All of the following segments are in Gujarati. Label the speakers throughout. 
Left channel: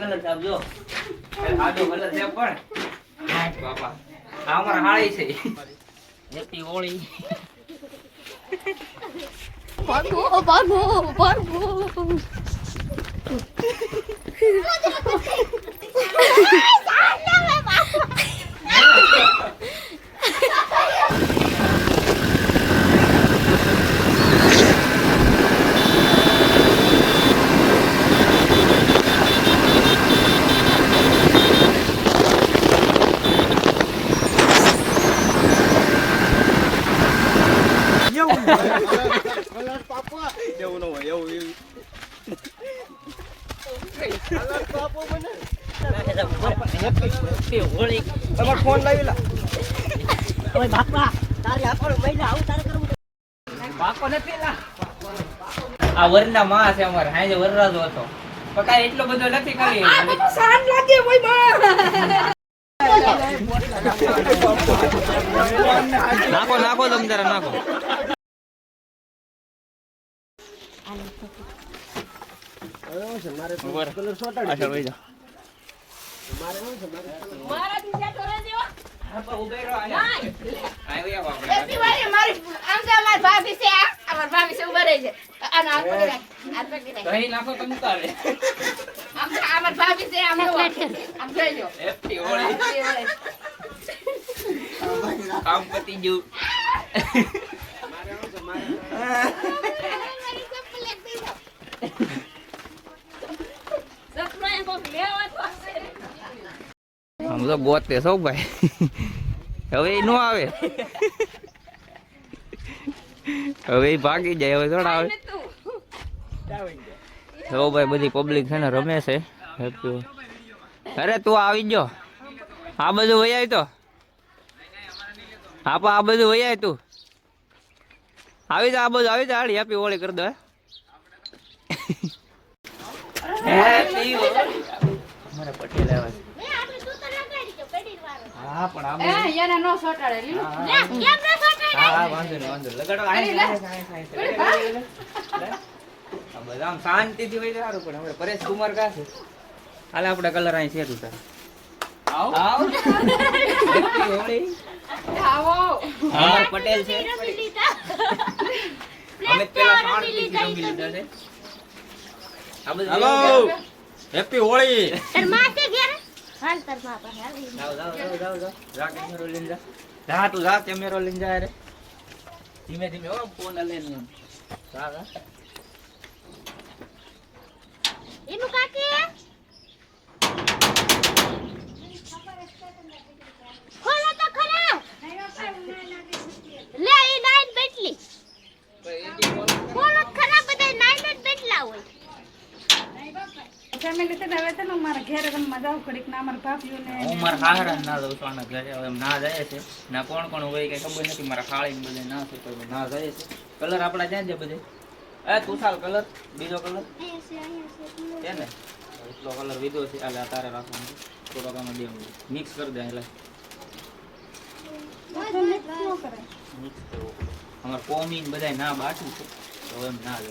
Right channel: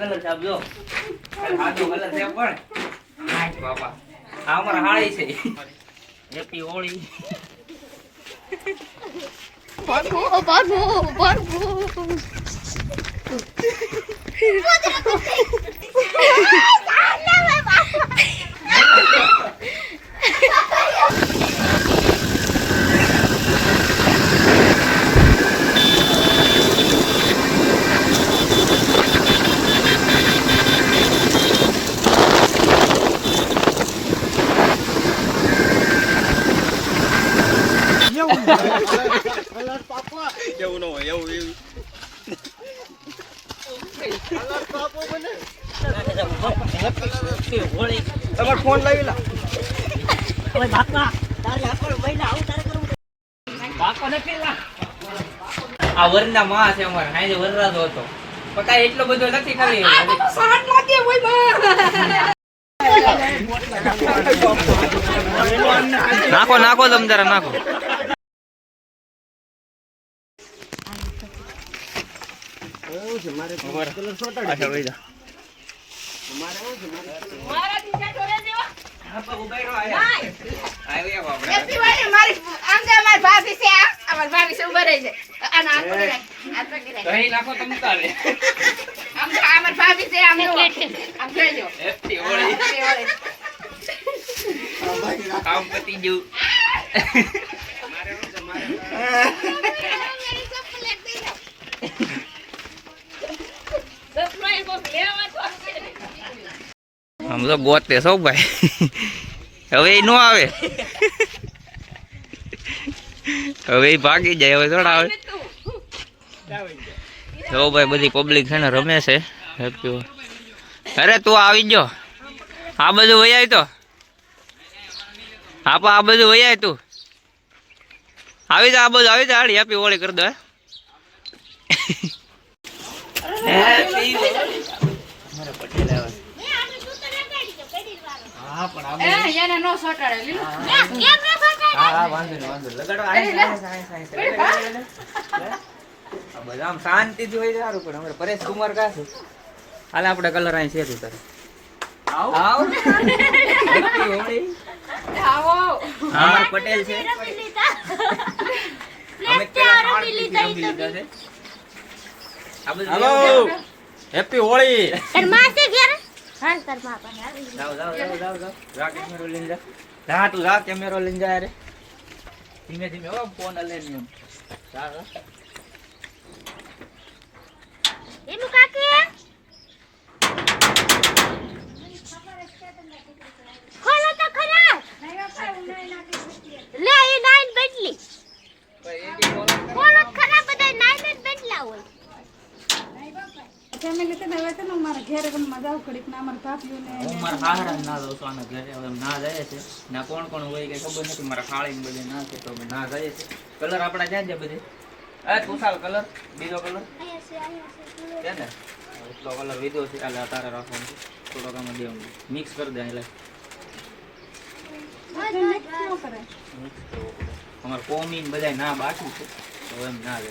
Speaker 1: કલર છે આપ જો. કલર છે પણ બાપા. આ અમારા હાળી છે. Happy Holi
Speaker 2: Barbo, barbo, barbo.
Speaker 1: Happy Holi આ વરના છે અમારે. હાજે વરરાજો હતો. પણ એટલો બધો નથી ખાલી. નાખો નાખો તમ જરા, નાખો. જા.
Speaker 2: મારી આમ ભાભી છે આ અમારી ભાભી છે ઊભા રહી છે. આનો હાથ પકડી રાખ હાથ પકડી રાખ.
Speaker 1: દહીં નાખો તમ તારે.
Speaker 2: આમ તો અમારી ભાભી છે આમ જો
Speaker 1: કામ પતી ગયું. આમ તો ગોતે સૌ ભાઈ? હવે નો આવે. હવે એ ભાગી જાય, હવે થોડા આવે. જો ભાઈ, બધી પબ્લિક છે ને રમે છે. હેપી અરે, તું આવી ગયો. આ બધું વૈયાય તો. હા આ બધું વૈયાય તું. આવી જા, આ બધું આવી જા, હાડી હેપી હોળી કરી દો મારે પટેલ આવે હા પણ આ
Speaker 2: એ, એને નો સોટાડે, લીલું.
Speaker 1: હા હા. વાંધો નહીં વાંધો નહીં. લગાડો આય, આય, આય, આય, આય. આ બધા આમ શાંતિથી હોય સારું પણ હમણાં પરેશ કુમાર કા છે હાલે આપણે કલર અહીં છે તું તારે આવ. આવ. હેપી હોળી
Speaker 2: આવો.
Speaker 1: હા. પટેલ છે. અમે પેલા રમી લીધા છે.
Speaker 3: હેલો હેપી હોળી
Speaker 2: એન ઘેર. હાલ તાર મા પાસે આવી.
Speaker 1: જાઓ જાઓ જાઓ જાઓ જાઓ જા કેમેરો લઈને જા જા તું જા કેમેરો લઈને જા
Speaker 2: એનું કાકી ખોલો તો ખરા લે એ નાઈન બેટલી ખોલો તો ખરા બધા નાઈન જ બેટલા હોય
Speaker 4: ફેમિલી છે ને હવે છે ને હું મારા ઘેર રમવા જાઉં ઘડીક ના અમારા ભાભીઓને
Speaker 1: હું મારા હાહરા ના દઉં છું આના ઘરે હવે ના જાય છે. ના કોણ કોણ હોય કઈ ખબર નથી મારા ને બધે ના છે તો ના જાય છે. કલર આપણા ક્યાં છે બધે? એ તુષાર કલર બીજો કલર? છે? ને એટલો કલર લીધો છે એટલે આ તારે રાખવાનું થોડોક આમાં દેવું મિક્સ કરી દે એટલે અમારે કોમી બધા ના બાકી છે તો એમ ના લે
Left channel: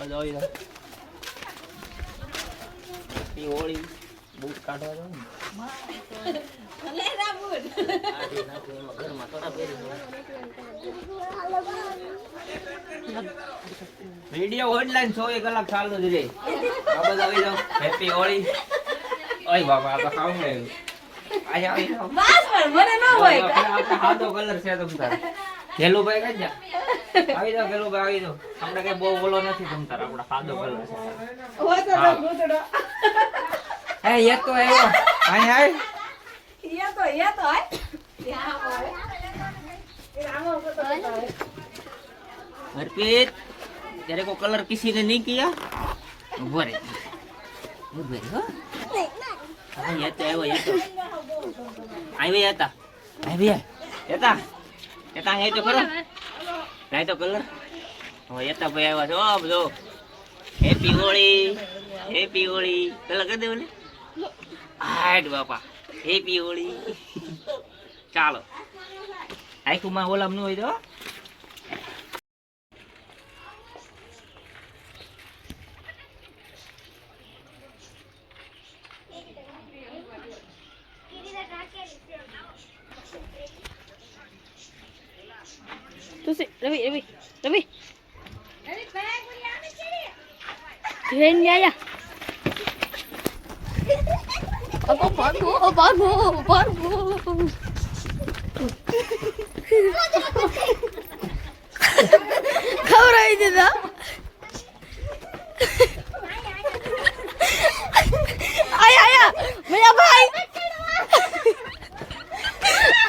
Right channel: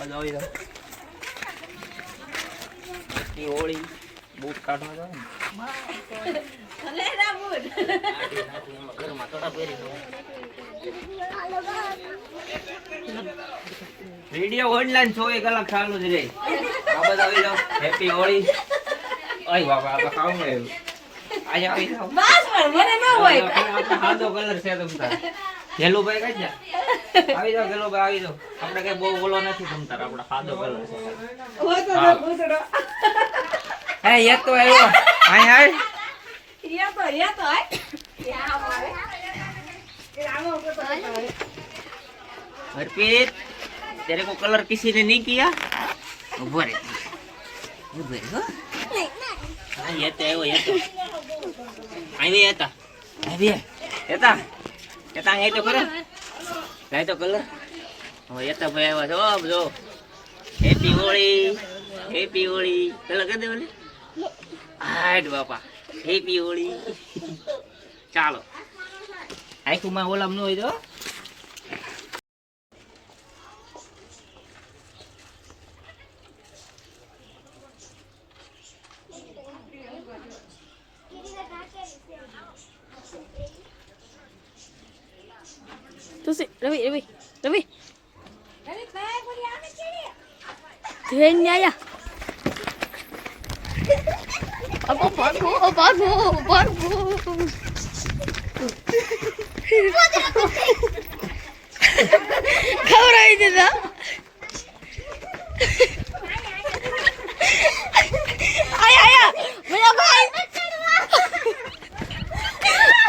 Speaker 4: બધું
Speaker 1: હોળી બૂટ કાઢવા જાવ ને. ઘરમાં થોડા પહેરી વીડિયો ઓનલાઈન ચોવીસ કલાક ચાલુ જ રહે. આ બધા આવી જાવ હેપી હોળી ઓય બાબા આ ખાવું ને આજે આવી જાવ
Speaker 2: બસ પણ મને ન હોય.
Speaker 1: આપણે સાદો કલર છે તમ તાર. ભાઈ કઈ જા આવી જાઓ ગેલુભાઈ આવી જાઓ આપણે કઈ બહુ ઓલો નથી તમ તાર આપણે સાદો કલર છે
Speaker 2: હોય તો
Speaker 1: હા.
Speaker 2: ભૂતડો.
Speaker 1: હે એ તો આવ્યો અહીં આય
Speaker 2: એ તો એ તો આય. એ આમ આવે. એ આમ ઉપર તો નહીં આવે.
Speaker 1: हरप्रीत तेरे को कलर किसी ने नहीं किया उभो रे उभो रे हो अरे ये तो वो ये तो आई भी आता आई भी येता येता ये तो करो જાય તો કલર? હવે યતા ભાઈ આવ્યા છે. ઓ બધો હેપી હોળી હેપી હોળી પેલા કરી દે મને હાટ બાપા. હેપી હોળી ચાલો. આખું માં ઓલામ ન હોય તો?
Speaker 5: તું શું રવિ રવિ રવિ ધ્યેન આયા. અબો ભાગો ભાગો ભાગો. ખવડાવી દીધા આયા આયા મેરા ભાઈ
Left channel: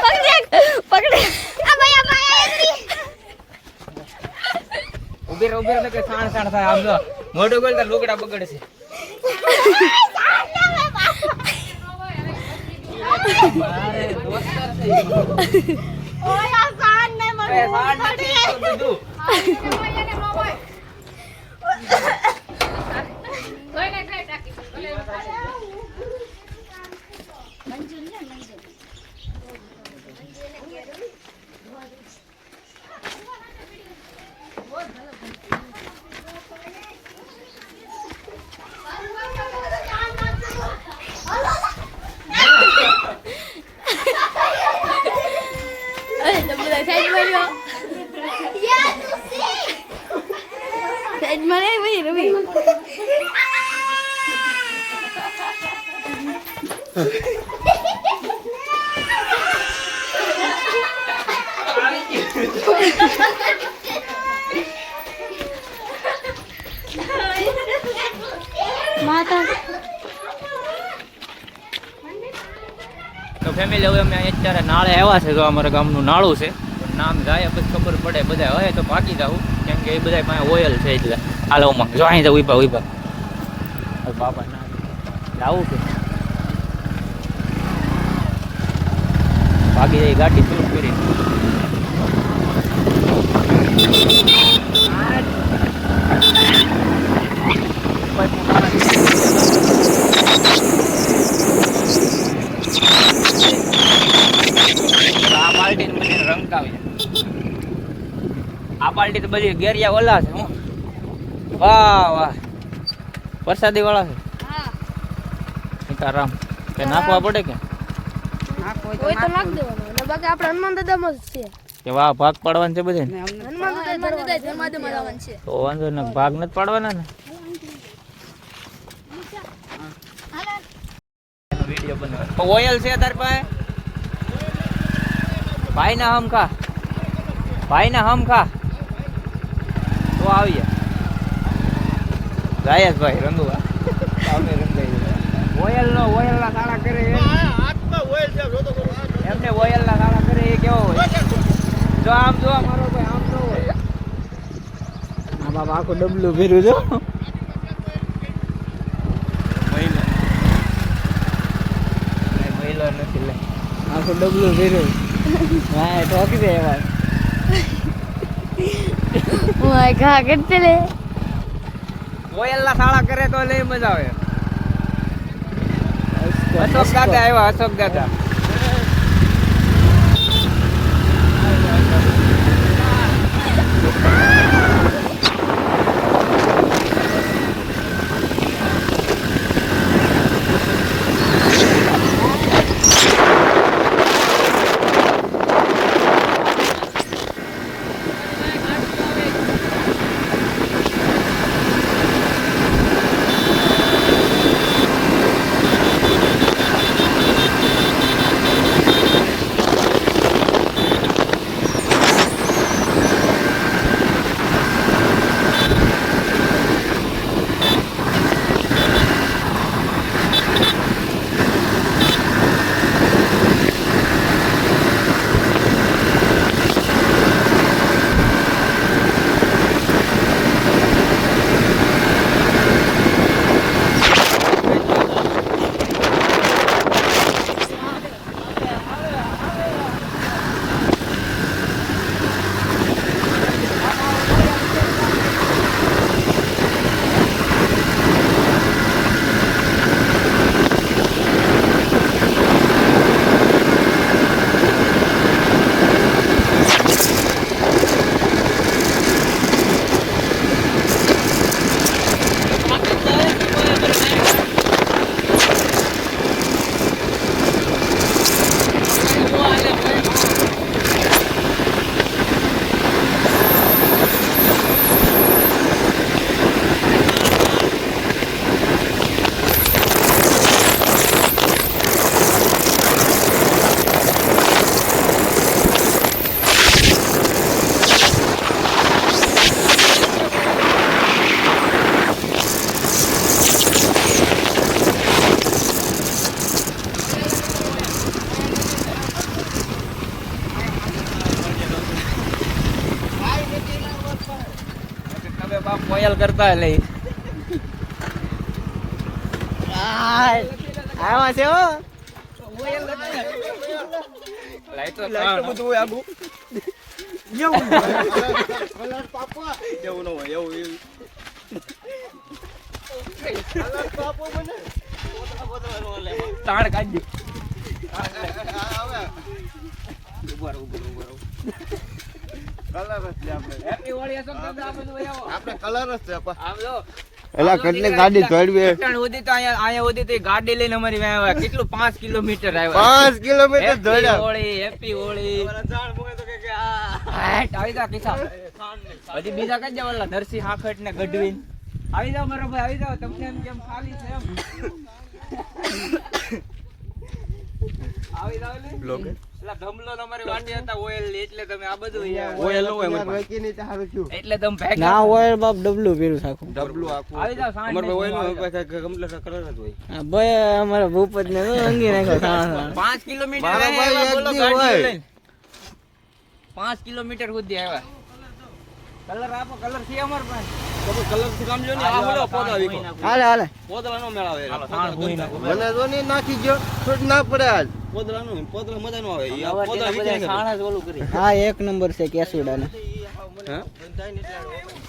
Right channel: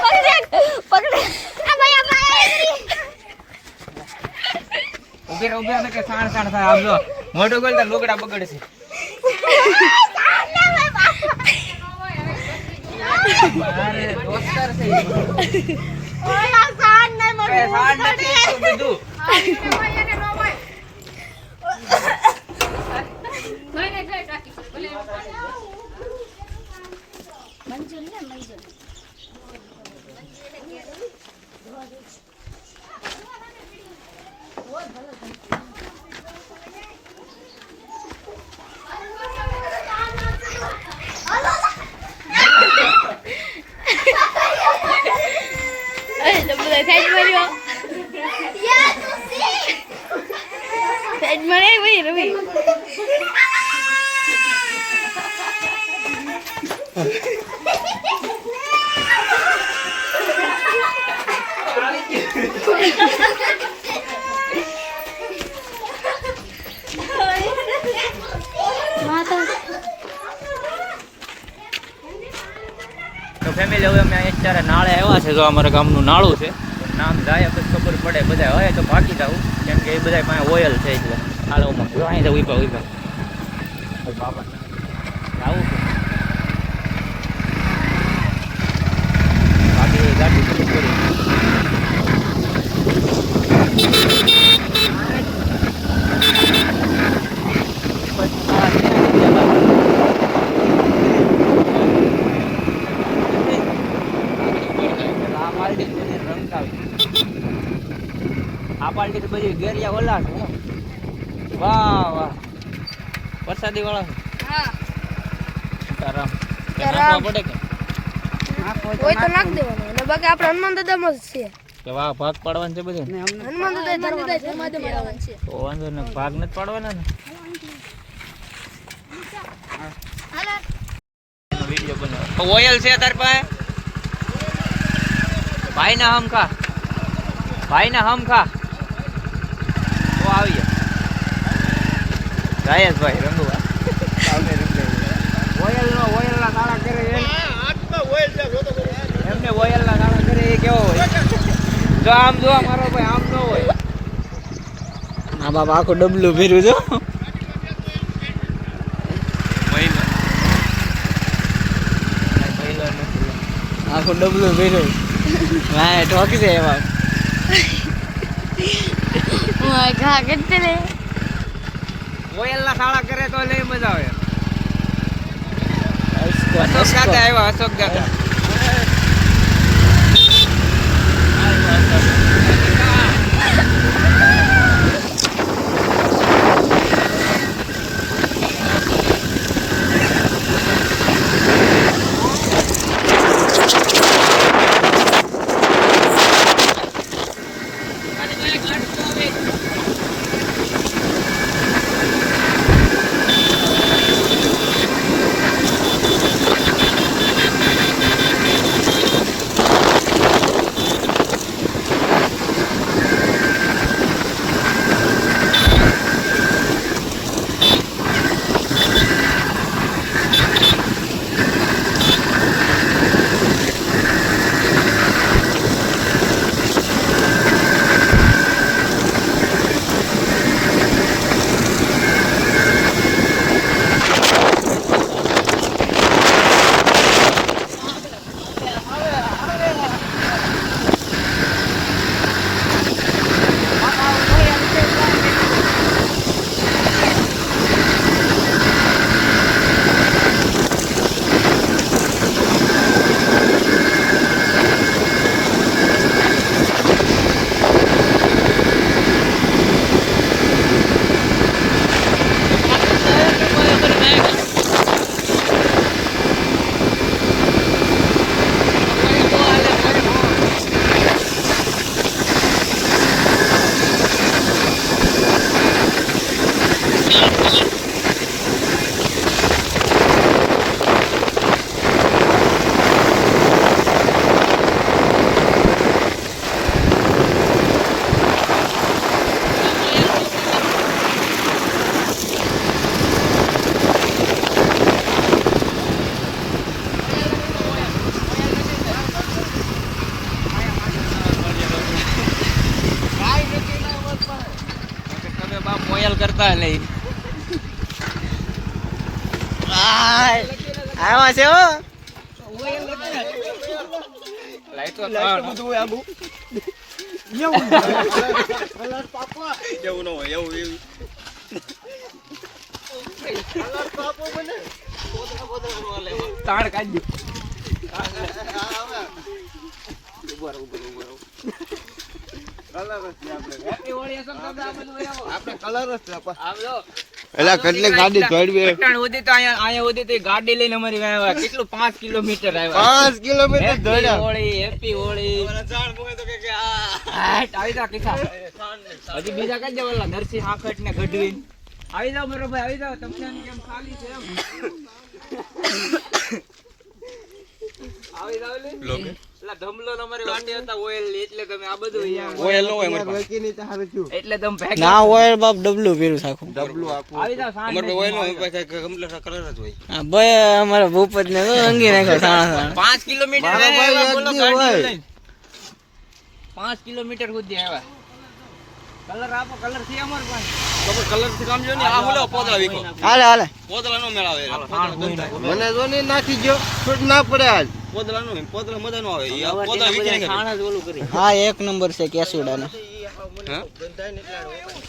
Speaker 5: પકડે પકડે આ ભાઈ આ ભાઈ
Speaker 1: ને કે સાણ સાણ થાય. આમ જો મોટું ગોલ તો લુગડા દોસ્તાર છે.
Speaker 5: ઓલા ને
Speaker 1: સાણ નથી તો બધું
Speaker 5: અરે તો બધા સાઈડ માર્યો સાઈડ મારે ભાઈ રવિ
Speaker 1: તો ફેમિલી હવે અમે અત્યારે નાળે આવ્યા છે, જો અમારા ગામનું નાળું છે. નામ જાય, પછી ખબર પડે, બધા હોય તો ભાગી જાવ કેમ કે એ બધા પાસે ઓઇલ છે એટલે. હાલો માં જો અહીં જાવ ઊભા ઊભા આવું છે ભાગી ગાડી ક્રૂઝ કરી. આ પાર્ટી તો બધી આ પાર્ટી તો બધી ગેરિયા ઓલા છે હો. વાહ વાહ. વરસાદી વાળા છે. સીતારામ તે નાખવા પડે કે?
Speaker 5: કોઈ તો નાખ દેવાનો. અને બાકી આપણે હનુમાન દાદામાં જ છે
Speaker 1: કે વાહ ભાગ પાડવાનું છે બધે
Speaker 5: હનુમાન દાદા છે.
Speaker 1: તો વાંધો ને ભાગ નથી પાડવાના ને? વીડિયો બનાવ ઓયલ છે તાર પાસે? ભાઈ ના હમ ખા. ભાઈ ના હમ ખા. તો આવીએ ગાયસ ભાઈ રંગુભાઈ. ઓયલ નો ઓયલ ના ગાળા કરે એ એમને ઓયલ ના ગાળા કરે એ કેવો હોય? જો આમ જો મારો ભાઈ આમ ન હોય. આ બાપા આખું ડબલું ફેર્યું જો આખું ડબલું ભેર્યું. હા ઠોકી દે એમાં
Speaker 5: ઓય ઘા કેટલે લે
Speaker 1: ઓયલ ના સાળા કરે તો નહીં મજા આવે. અશોક દાદા આવ્યા અશોક દાદા
Speaker 3: એલા કેટલી ગાડી ચડવી
Speaker 1: પટણ અહીંયા અહીંયા સુધી તો ગાડી લઈને અમારી આવ્યા. કેટલું? પાંચ કિલોમીટર આવ્યા.
Speaker 3: પાંચ કિલોમીટર
Speaker 1: હેપી હોળી હજી બીજા કઈ જાવ નરસિંહ હાખટ ને ગઢવી આવી જાવ મારો ભાઈ આવી જાવ તમને કેમ ખાલી છે એમ આવી જાવ લે. પેલા ધમલો ને ઓઇલ
Speaker 6: બાપ ડબલું પીરું થાકું
Speaker 3: ડબલું
Speaker 6: ભાઈ અમારા ભૂપત ને અંગી નાખ્યો સાણા
Speaker 1: પાંચ કિલોમીટર
Speaker 3: મારો ભાઈ
Speaker 1: આવ્યા,
Speaker 3: એક
Speaker 1: બોલો
Speaker 3: દી
Speaker 1: ગાડી
Speaker 3: હોય.
Speaker 1: લઈને. પાંચ કિલોમીટર સુધી આવ્યા. કલર આપો કલરથી અમાર પાસે
Speaker 6: હાલે હાલે.
Speaker 3: મને જો નહીં નાખી. ગયો છૂટ ના પડે આજ.
Speaker 1: છાણા જ ઓલું કરી.
Speaker 6: હા એક નંબર છે કેસુડાનો.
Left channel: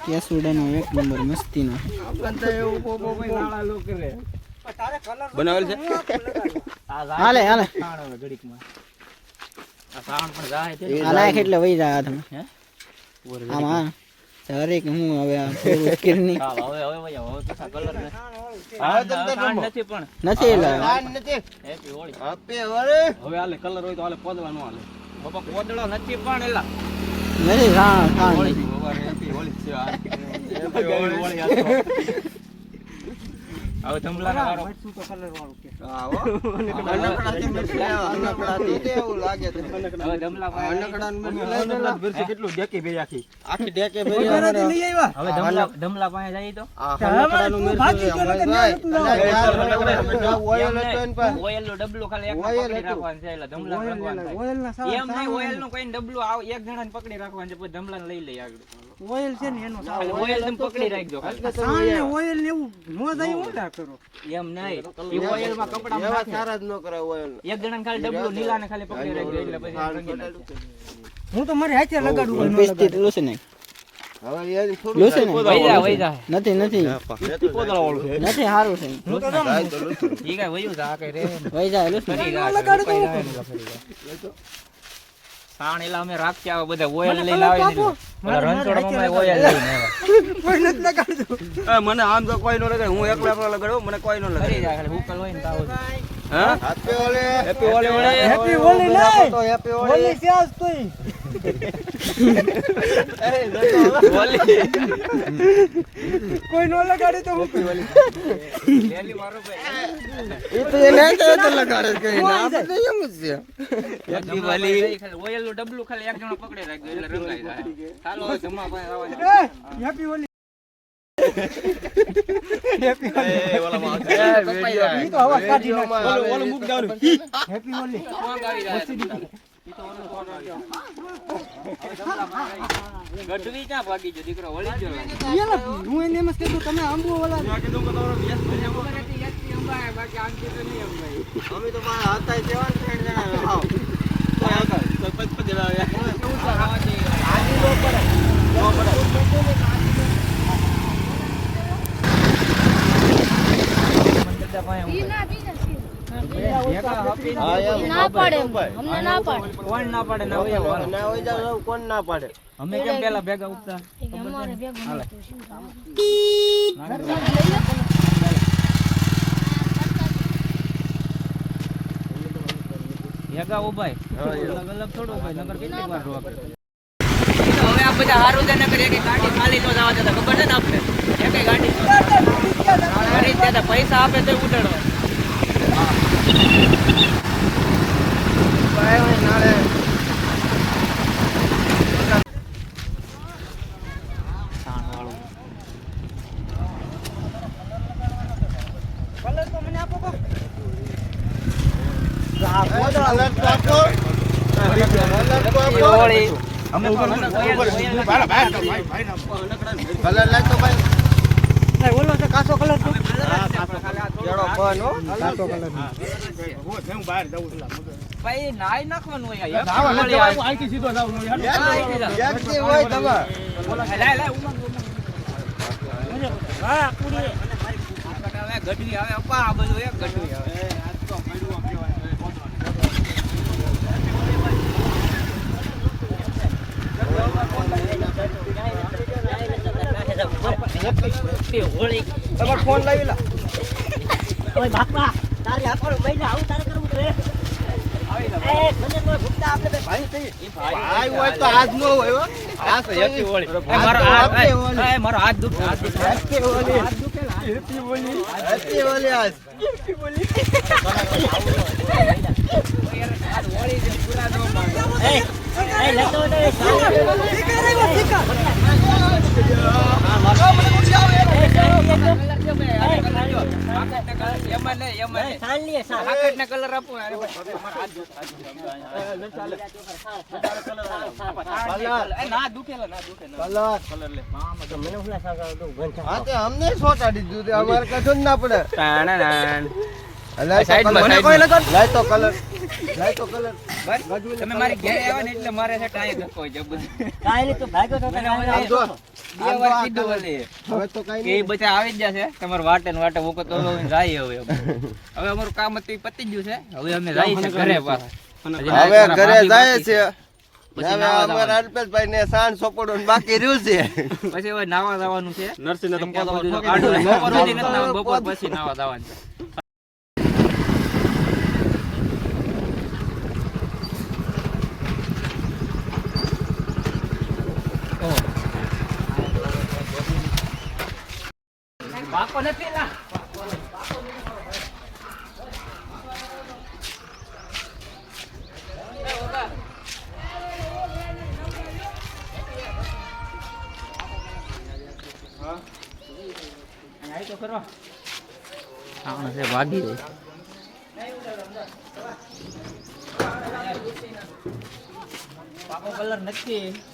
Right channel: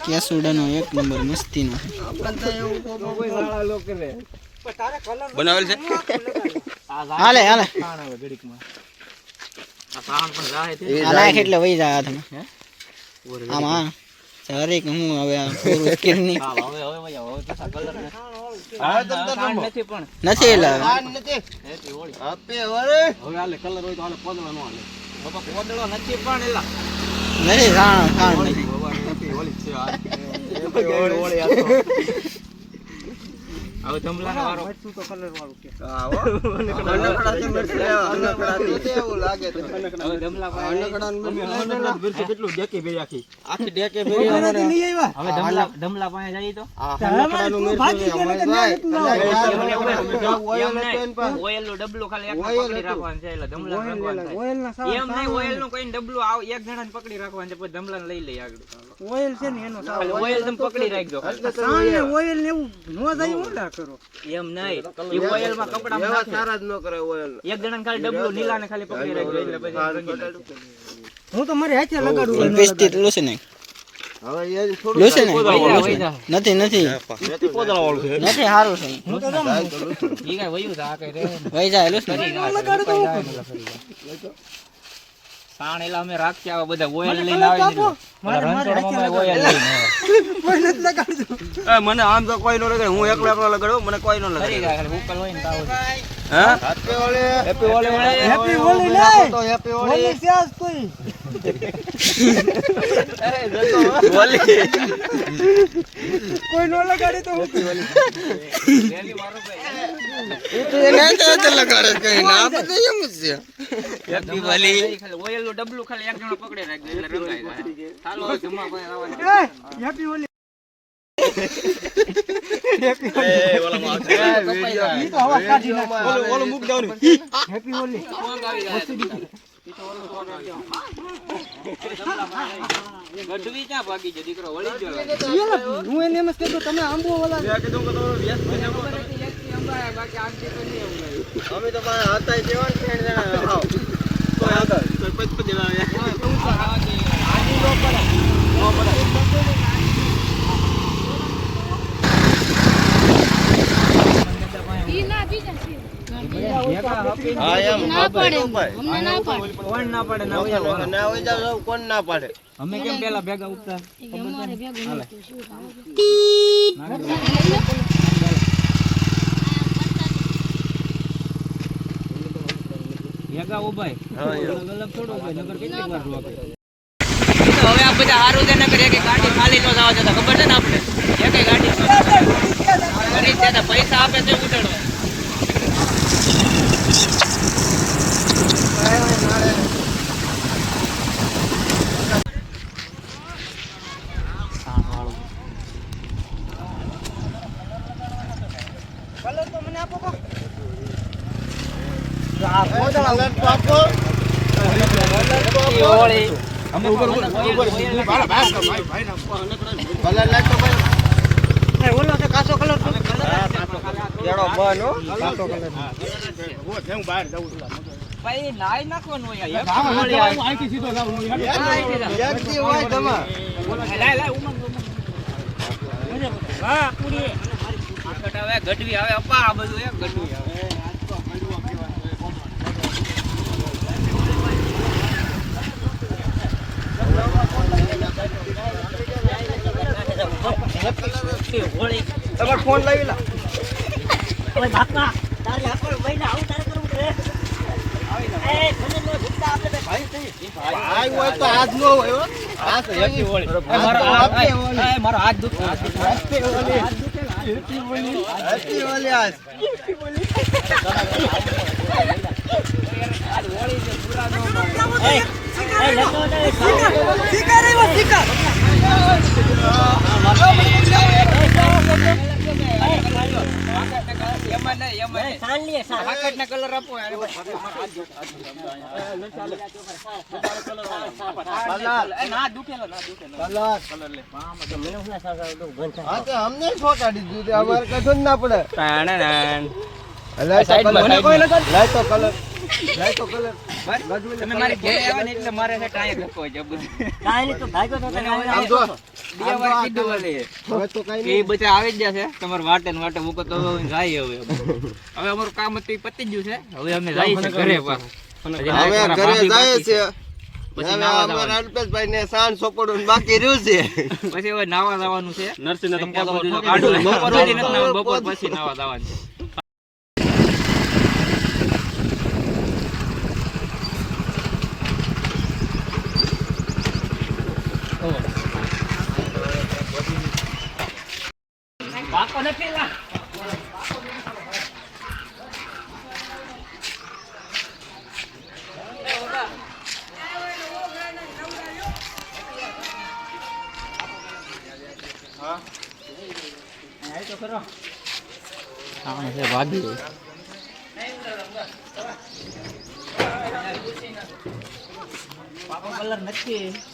Speaker 6: કેસુડાનો એક નંબર મસ્તીનો.
Speaker 3: બનાવેલ છે?
Speaker 6: હાલે હાલે. નાખ એટલે વહી જાય હાથમાં.
Speaker 1: હે?
Speaker 6: હરેક હું હવે આ પૂરું સ્કીલની
Speaker 1: હા, હવે હવે હવે ને.
Speaker 3: હા, રમો.
Speaker 1: નથી પણ.
Speaker 6: નથી એટલે
Speaker 3: હોય તો
Speaker 1: હેપી હોળી
Speaker 3: નો વરે
Speaker 1: બાપા પોદળો નથી પણ એલા.
Speaker 6: નથી સાણ સાણ નથી
Speaker 1: આ. હોળી. વારો
Speaker 3: હા, હો. અનકડાથી મરચી લેવા, અનકડાથી. તે એવું લાગે છે.
Speaker 1: હવે ધમલા પાસે
Speaker 3: અનકડાની કેટલું લઈ લેલા. આખી ડેકે ભરી
Speaker 1: હવે
Speaker 3: અમારે.
Speaker 1: ધમલા ધમલા પાસે જઈ તો
Speaker 3: હવે મરચી અમારે જાય. અને જ્યાં ઓઇલ હતો.
Speaker 1: ઓઇલનું ખાલી એક પકડી. રાખવાનું છે એટલે ધમલા ના થાય. એમ નહીં ઓઇલ નો કોઈ ડબલો આવ એક જણા પકડી રાખવાનો છે પછી ધમલા લઈ લઈ આગળ
Speaker 4: ઓઈલ છે ને એનો
Speaker 1: ઓઇલ તમે પકડી રાખજો ખાલી.
Speaker 3: તો. ઓઇલ
Speaker 4: ને એવું નો જાય હું ના કરો.
Speaker 1: એમ નહીં. એ ઓઇલમાં કપડા
Speaker 3: એવા સારા જ ન કરે ઓઇલ.
Speaker 1: એક જણા ખાલી ડબલું લીલા ને ખાલી પકડી રાખજો એટલે પછી.
Speaker 4: હું તો મારી હાથે લગાડું
Speaker 6: પિસ્તી લૂસી
Speaker 1: છે જા.
Speaker 6: નથી નથી. નથી સારું છે. વહી જાય લૂસ.
Speaker 1: સાણ એલા અમે રાખ્યા આવા બધા ઓઇલ લઈને આવે ને રણછોડમાં ઓઇલ લઈને આવ્યા.
Speaker 3: મને આમ તો કોઈ નો લાગે હું એકલો એકલો લગાડું મને કોઈ નો
Speaker 1: જાય ખાલી હુકલ હોય ને તાવ જ.
Speaker 3: હેપી ઓલે હેપી ઓલે
Speaker 4: હેપી
Speaker 3: ઓલે હેપી ઓલે
Speaker 4: હેપી આજ તોય કોઈ નો લગાડે તો હું
Speaker 1: પહેલી વાર ભાઈ.
Speaker 3: તો તો લગાડે કે ના બધે એમ જ છે
Speaker 1: હેપી ખાલી ઓઇલનું ડબલું ખાલી એક જણો પકડી રાખજો એટલે રંગાઈ જાય ચાલો હવે પાસે આવવાનું.
Speaker 4: હેપી
Speaker 3: ઓલું મૂક
Speaker 1: ઓલું આવી જાય. ગઢવી ક્યાં ભાગી ગયો દીકરો વળી ગયો.
Speaker 4: હું એને એમ જ કીધું તમે આંબો ઓલા
Speaker 1: મને ખબર હતી એકથી અંબાયા, બાકી આમથી તો નહીં અંબાયા.
Speaker 3: અમે તો મારા હતા જેવા ત્રણ જણા આવ સરપંચ પણ જણાવ્યા
Speaker 5: ઈ ના પીતા છે.
Speaker 3: હા એમ
Speaker 5: ના પડે. અમને ના પડે.
Speaker 1: કોણ ના પાડે? ના વયા વાળા.
Speaker 3: ના હોય જાવ કોણ ના પાડે?
Speaker 1: અમે કેમ પેલા ભેગા ઉઠતા?
Speaker 5: અમારે ભેગું નહોતું.
Speaker 1: ભેગા ઉભાય અલગ અલગ થોડું ઉભાય નગર કેટલી વાર રોવા હવે આ બધા હારું છે નકર એક ગાડી ખાલી નો જવા દેતા. ખબર છે ને આપણે એકે ગાડી પૈસા આપે તો ઉતરવા
Speaker 3: અલર્ટ તો આપો અલર્ટ તો આપો
Speaker 1: હોળી અમે ઓયલ ઓયલ
Speaker 3: કલર લાગતો ભાઈ.
Speaker 6: ઓલો તો કાચો કલર
Speaker 3: કેળો બન હો. હું બહાર જાઉં છું
Speaker 1: ભાઈ નાઈ નાખવાનું હોય.
Speaker 3: જાવા. અહીંથી સીધો જાઉં હું
Speaker 1: અહીંથી
Speaker 3: હોય તમાર
Speaker 1: લાય, લાય, ઉમંગ, ઉમંગ.
Speaker 6: હા પૂરી
Speaker 1: આવે, ગઢવી આવે અપ્પા આ બધું એક ગઢવી આવે
Speaker 6: હોળી
Speaker 3: તમાર ફોન લાવી લા.
Speaker 6: ઓય બાપા તારે આખો મહિના આવું તારે કરવું છે એ મને નો ભૂખતા આપણે ભાઈ થઈ
Speaker 3: હોય તો હાથ નો હોય હો આ તો હેપી હોળી
Speaker 1: એ મારો હાથ એ, એ, મારો હાથ દુખે હાથ દુખે.
Speaker 3: Happy Holi happy Holi happy Holi આજ
Speaker 6: એ એ લેતો ને
Speaker 1: એમાં નહીં, એમાં નહીં.
Speaker 6: સાલ લે સાલ
Speaker 1: હાકટના colour આપો અરે ભાઈ, મારો હાથ દુખે, ના દુખેલો, ના.
Speaker 3: કલર અમને છોટાડી દીધું અમારે કશું ના પડે
Speaker 1: તમે મારી ઘેર આવ્યા ને એટલે મારે છે ગખો છે બધું.
Speaker 6: કાઈ તો ભાગ્યો તો
Speaker 3: જો
Speaker 1: બે વાર કીધું હશે.
Speaker 3: હવે તો કઈ
Speaker 1: એ બધા આવી જ જશે તમારે વાટે ને વાટે વખત તો હવે જાય હવે. હવે અમારું કામ હતું પતી જ ગયું છે. હવે અમે ઘરે પાછા.
Speaker 3: હવે ઘરે જાય છે.
Speaker 1: પછી નાવા
Speaker 3: અલ્પેશભાઈ ને સાંજ સોપડવાનું બાકી રહ્યું છે.
Speaker 1: પછી હવે નાવા જવાનું છે.
Speaker 3: તો
Speaker 1: કાઢવું. બપોર પછી નાવા જવાનું છે. બાપો નથી લા હા છે ભાગી ગયું પાપો કલર નથી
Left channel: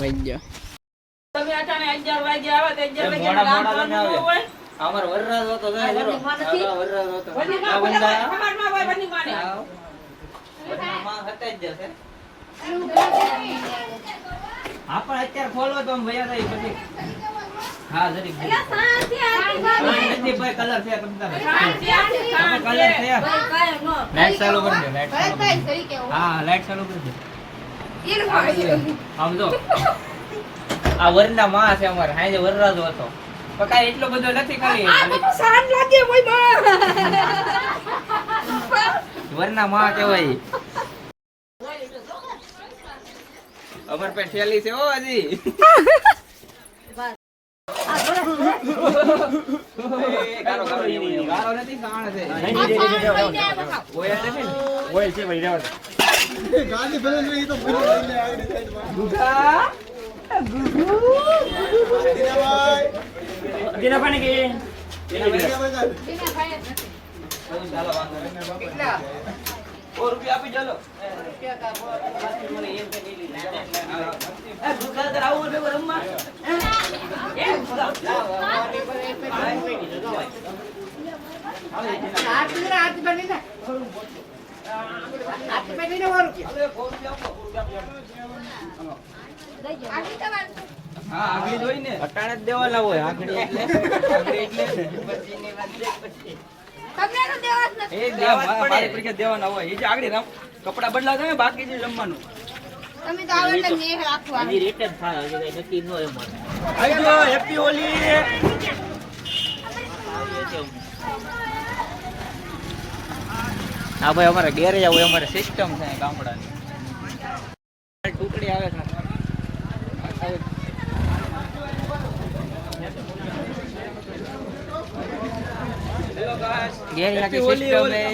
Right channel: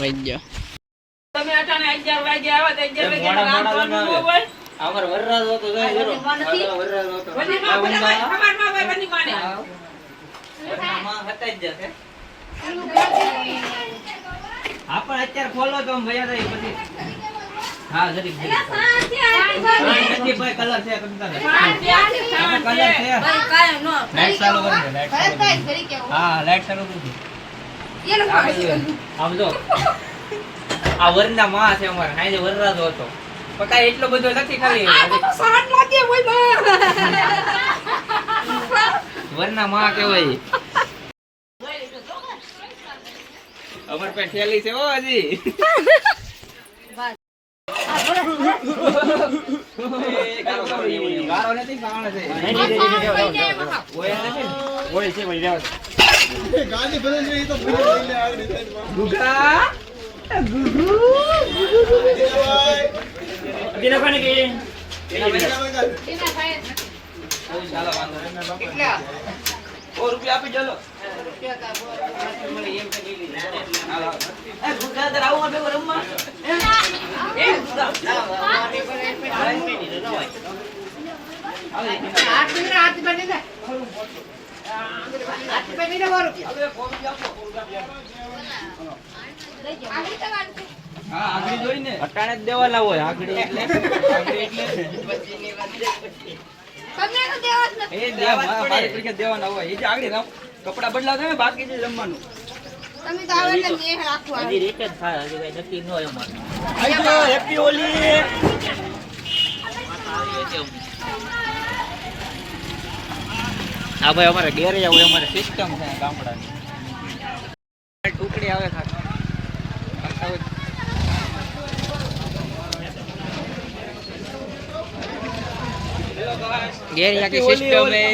Speaker 1: વઈ ગયો
Speaker 2: તમે અટાણે 11 વાગે આવ્યા તો 11 વાગે
Speaker 1: મોડા મોડા
Speaker 2: રાંધવાનું ન
Speaker 1: લગાવ્યા.
Speaker 2: હોય.
Speaker 1: અમાર વરરાજ હતો ગયો જરો. વરરાજ હતો.
Speaker 2: બધી માં ખબર ન હોય બધી માને.
Speaker 1: હા. માં હતા જશે. હા પણ અત્યારે ખોલો તો આમ વયા પછી હા ભાઈ કલર છે કલર છે લાઈટ ચાલુ કરી લાઈટ ચાલુ કરી દે. હા લાઈટ ચાલુ કરી દે આમ જો આ વરના માં છે અમારે હાજે વરરાજો હતો પણ કાંઈ એટલો બધો નથી ખાલી વરના માં કહેવાય અમર પે થેલી છે ઓ હજી ગારો, ગારો, એવું ગારો નથી, ગાણ છે. ઓય
Speaker 3: ભાઈ રહેવા ગાડી ભલે નહીં તો ભલે લઈને આગળ સાઈડમાં
Speaker 1: ગુગા? ચાલો, વાંધો નહીં. કેટલા? સો રૂપિયા આપી ચાલો. એ, ગુગા, તારે આવું હતું રમવા? એ, ગુગા. હા, આગળી જોઈ ને. અટાણે જ દેવા લાવો આગળી એટલે આગળી એટલે એ જ જે કપડાં બાકી જે જમવાનું.
Speaker 6: જ થાય હજી કઈ નક્કી ન હોય અમારે
Speaker 3: આવજો હેપી
Speaker 1: હા ભાઈ અમારે ડેરે આવું અમારે સિસ્ટમ છે ગામડાની. ટુકડી આવે ખાલી. ગેરેજ આખી સિસ્ટમ એ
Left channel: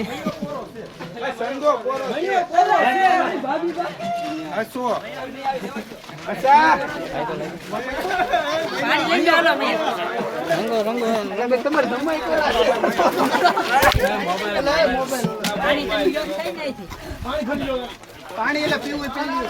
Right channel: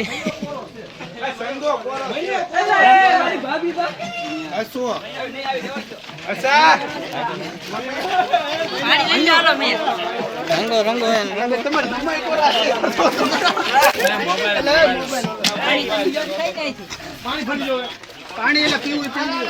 Speaker 3: સંગો કોરો હસો અચ્છા
Speaker 1: રંગો રંગો
Speaker 3: રંગ. તમારે જમાઈ કોરા પાણી એટલે પીવું પીવું.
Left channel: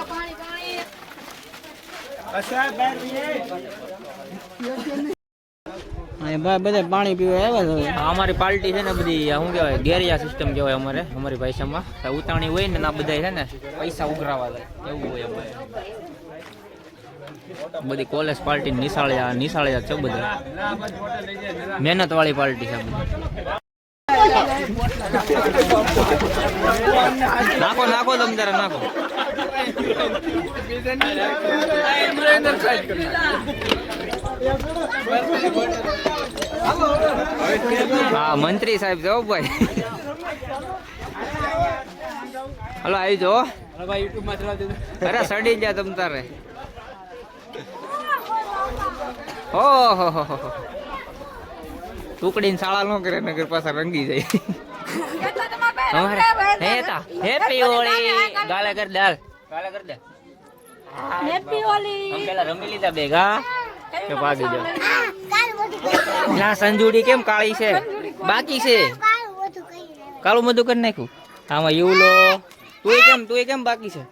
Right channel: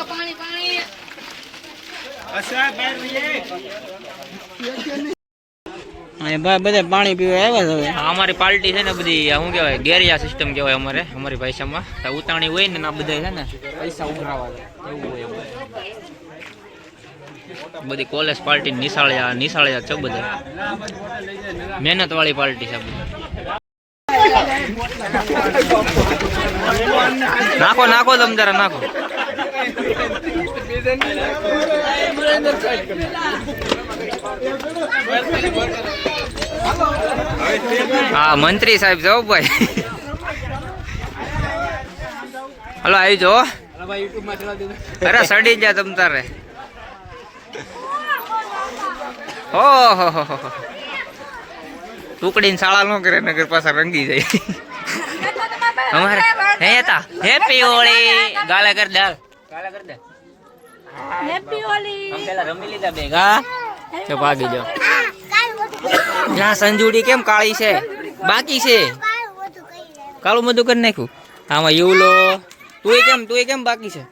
Speaker 3: અહીં ભાઈ બધા પાણી પીવા આવ્યા હવે.
Speaker 1: અમારી પાર્ટી છે ને બધી શું કહેવાય ગેરિયા સિસ્ટમ કહેવાય અમારે અમારી ભાષામાં ઉતાણી હોય ને ના બધા છે ને પૈસા ઉઘરાવા એવું હોય અમારે. બધી કોલેજ પાર્ટી નિશાળ્યા નિશાળ્યા છે બધા મહેનત વાળી પાર્ટી છે બધી. નાખો નાખો તમ તારે નાખો. હા, મંત્રી સાહેબ જાઓ ભાઈ. હલો, આવી જો અરે, સડી જા તમ તારે. ઓહો હો હો હો. ટુકડીને શાળા ન કરે નગર પાછા રંગી જાય. અમારે હે તા હેપી હોળી ગાલે કર દે ગાલે કર દે.
Speaker 4: હેપી હોળી.
Speaker 1: આમ પેલા રમી લીધા બે તો ભાગી જાઓ ના સંજુડી કેમ કાળી છે? બાકી છે? કાળું બધું કરી નાખ્યું. આમાં યુલો. તુંય કેમ તુંય કેમ બાકી છે?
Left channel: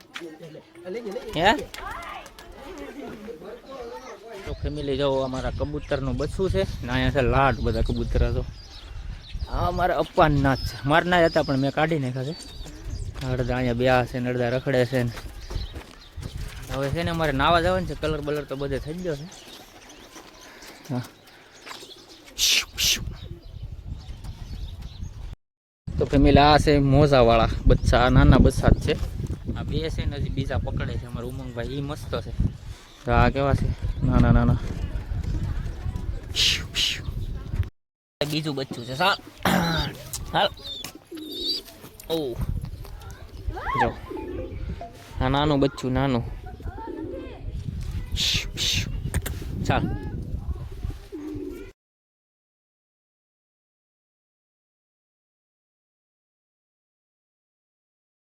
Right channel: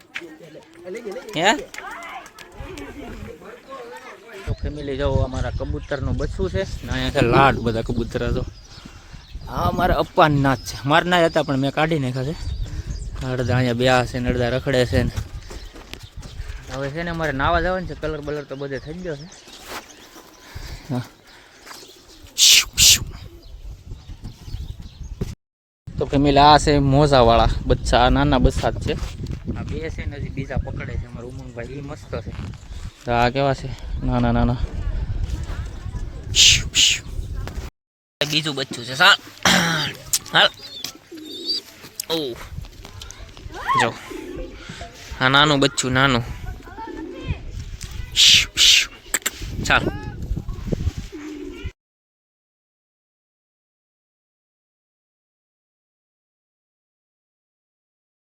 Speaker 1: હે? તો ફેમિલી જાઓ, અમારા કબૂતરનું બચ્ચું છે. અહીંયા છે લાડ, બધા કબૂતર તો. આ મારા અપ્પાન નાચ છે. મારા ના જ હતા, પણ મેં કાઢી નાખ્યા છે. અડધા અહીંયા બે છે ને અડધા રખડે છે ને. હવે છે ને અમારે નાવા જવાનું છે. કલર બલર તો બધે થઈ ગયો છે. તો ફેમિલી આ છે મોજાવાળા બચ્ચા નાના બચ્ચા જ છે. આ બે છે ને હજી બીજા પકડે છે. અમારા ઉમંગભાઈ એ મસ્ત છે. આ કેવા છે? નાના નાના બીજું બચ્ચું છે. સાલ. હાલ. ઓ. જો. આ નાનું બચ્ચું, નાનું. ચાલ